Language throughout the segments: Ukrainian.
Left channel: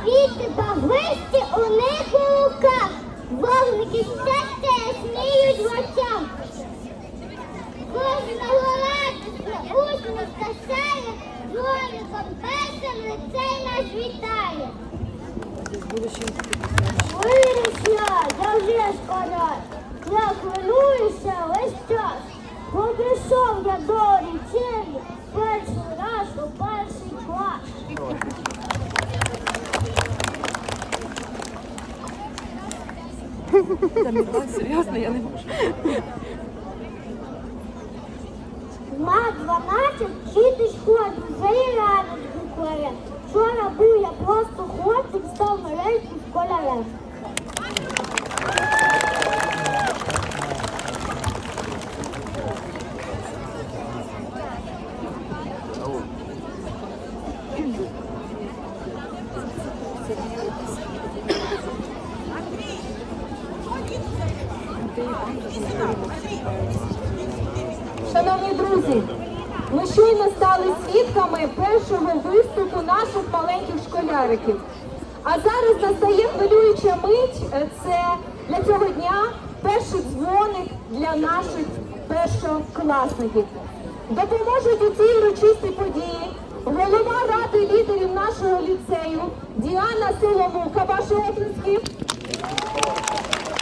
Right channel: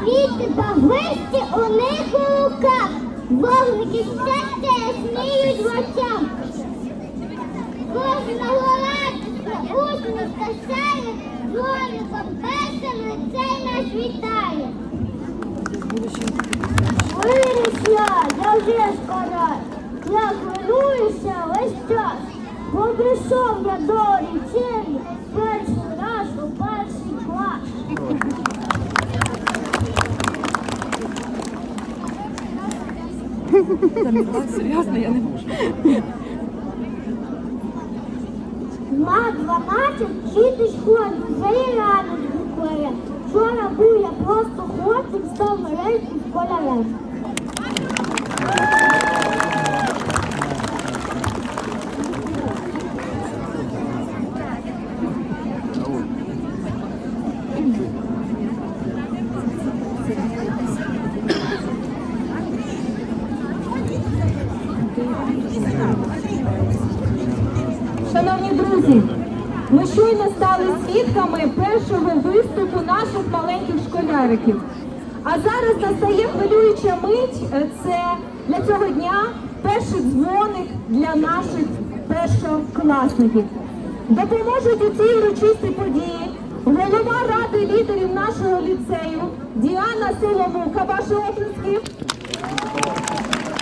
Квіти та у них у руках. Вогники прийшов я до лічильні, перший раз у перший клас. Серйозно, я не можу. На 12 вчити школі, вже і радість. Вчора був я просто хлопцем, став мережким школярем. Шановні щойно свідками першого виступу наших маленьких школяриків. А зараз настає хвилююча мить. Це для цього дня перший дзвоник для наших першокласників. Допоможуть у цій урочистій події голова ради лідерів нашого ліцею Діана Симонука, ваші обласки.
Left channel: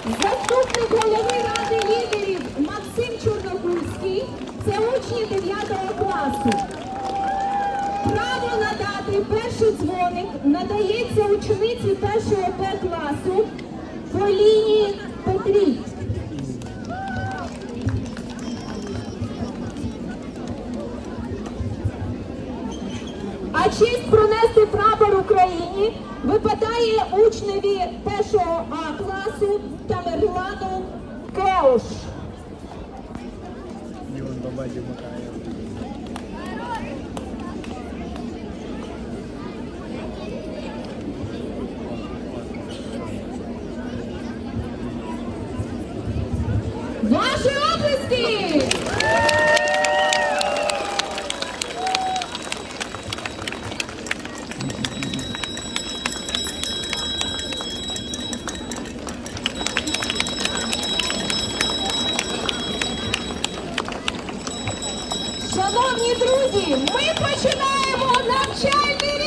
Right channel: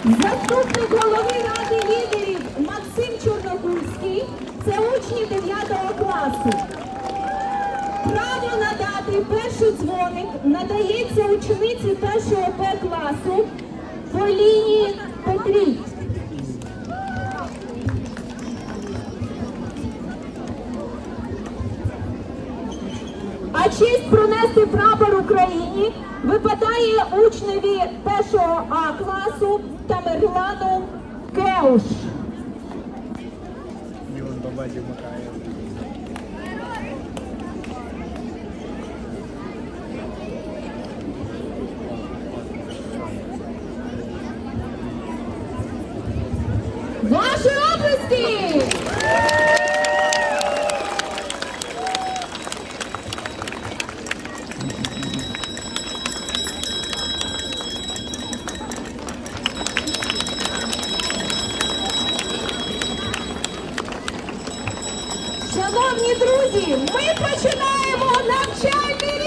Заступник голови ради лідерів Максим Чорногурський це учні 9 класу. Право надати перший дзвоник надається учениці першого П класу Поліні Петрій. А честь пронести прапор України випадає учневі першого А класу Тамерлану Кремш. І бабаді макає. Ваші області! Шановні друзі, ми починаємо навчальний рік!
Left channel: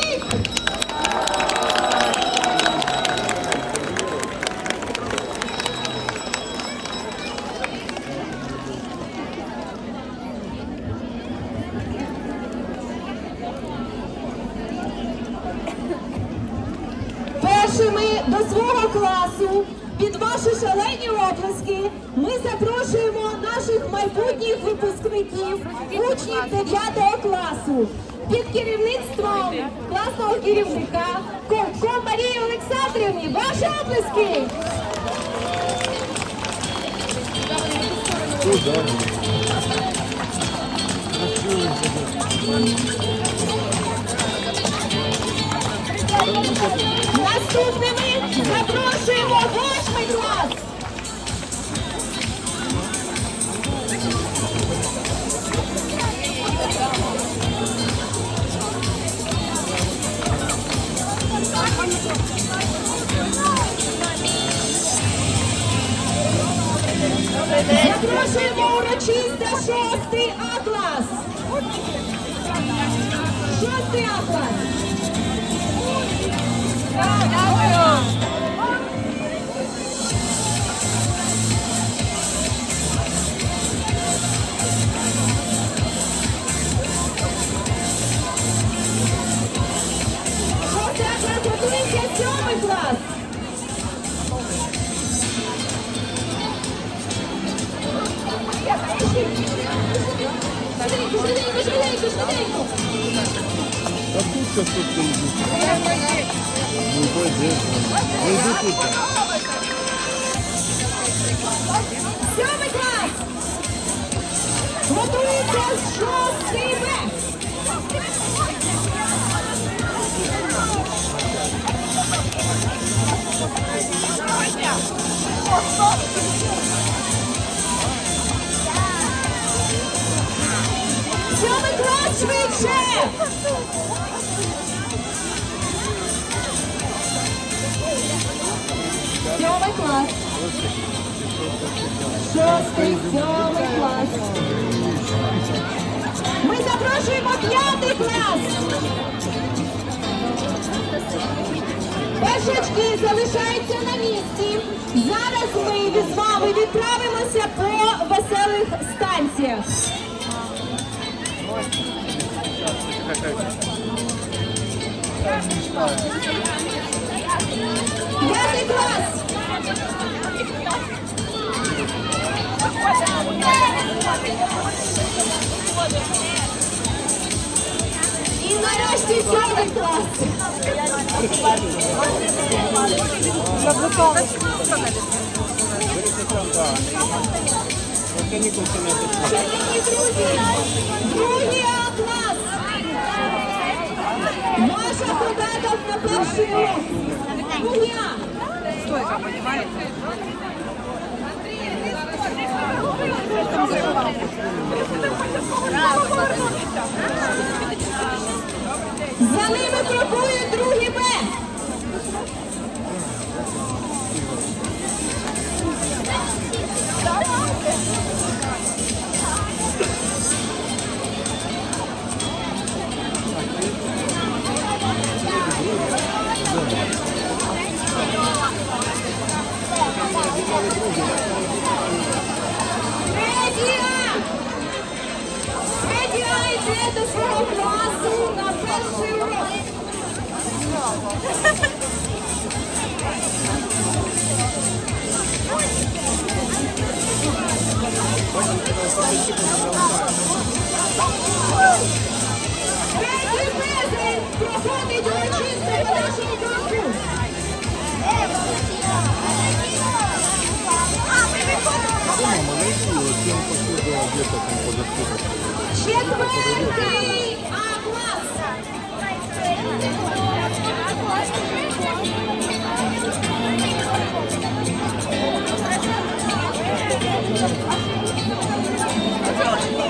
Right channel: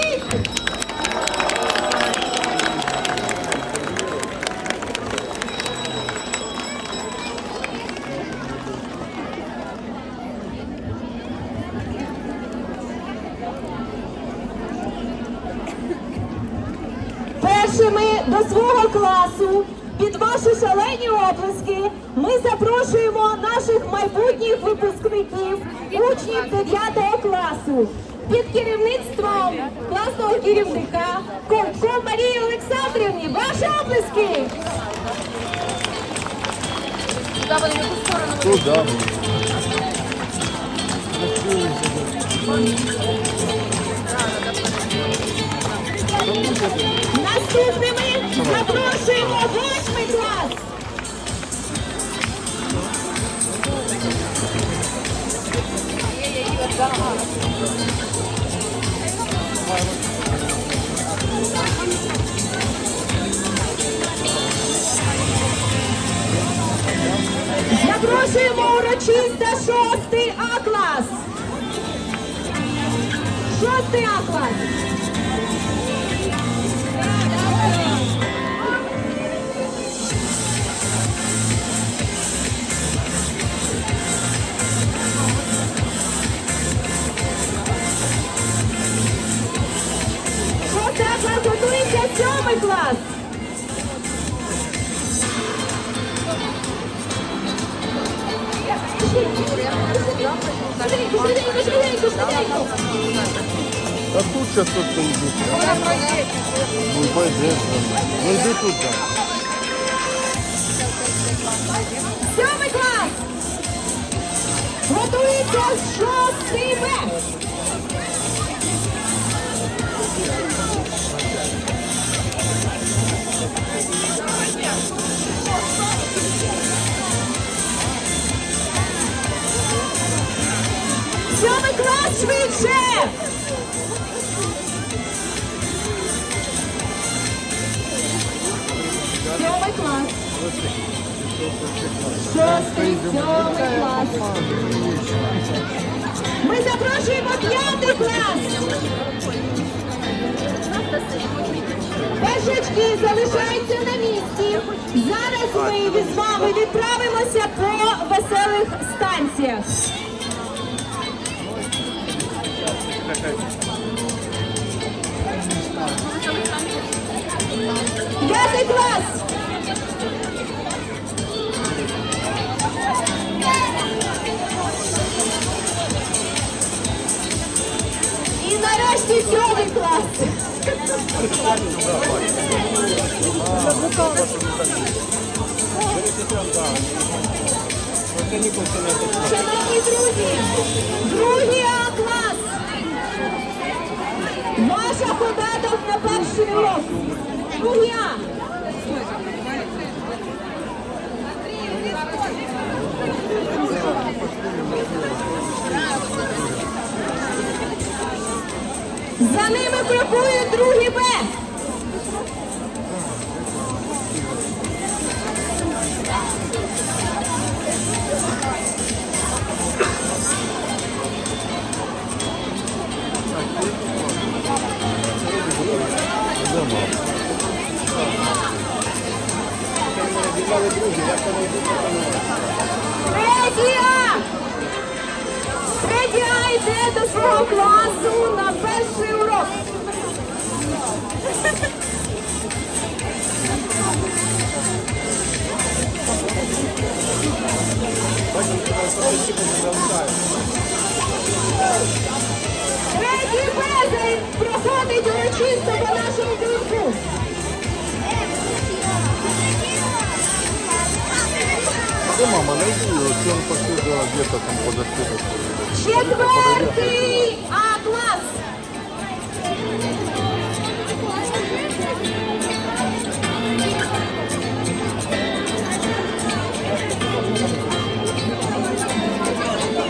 До свого класу під ваші шалені оплески ми запрошуємо наших майбутніх випускників, учнів 9 класу. Під керівництвом класного керівника Ковтко Марії Олександрівні. Ваші оплески! Туда. Наступними запрошуємо восьмий клас. Запрошуємо урочисто шостий сьомий клас. Швиденько, швиденько, швиденько, швиденько. А тут сейчас тут йдуть. Ну пойди. Ну йди тут. Сьомий клас! Готується шостий Б. швидше! Сьомий клас. Шостий, сьомий клас. Ми запрошуємо п'ятий клас. Першачки залишаються на місці. Зараз ми від вами відправимося по веселих станціях. П'ятий клас. І нарешті сьомий клас. Шановні друзі, другий А клас. На перший урок. Другий А. Ними крокує другий Б. Медіа! Медіа йде до свого класу на перший урок. Третій безель проходить урочисто по нашому дурку. Где-то там подоспела. Четвертий А клас.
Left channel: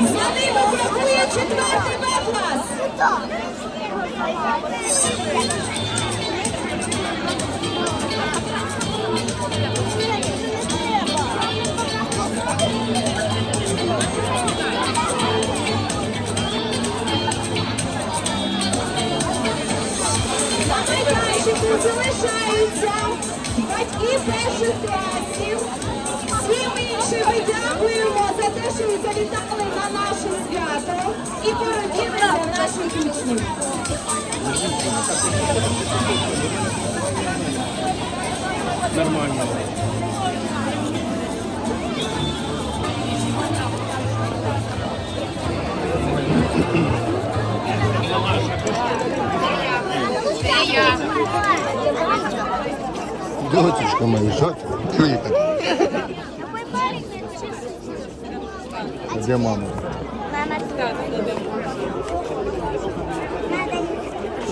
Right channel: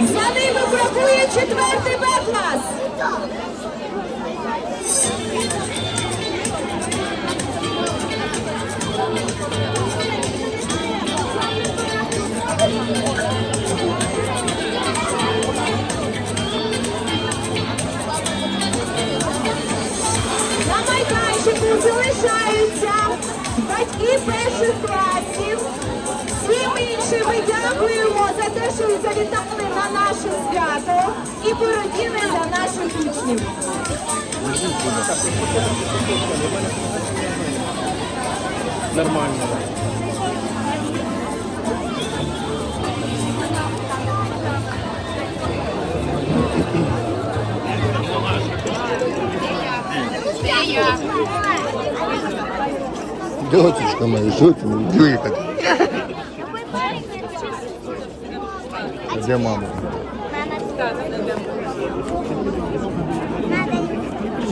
За ними крокує четвертий Б клас. На і пораділи за наших учнів. Нормально. Дочечка моя, что ты? Где это? Где мама?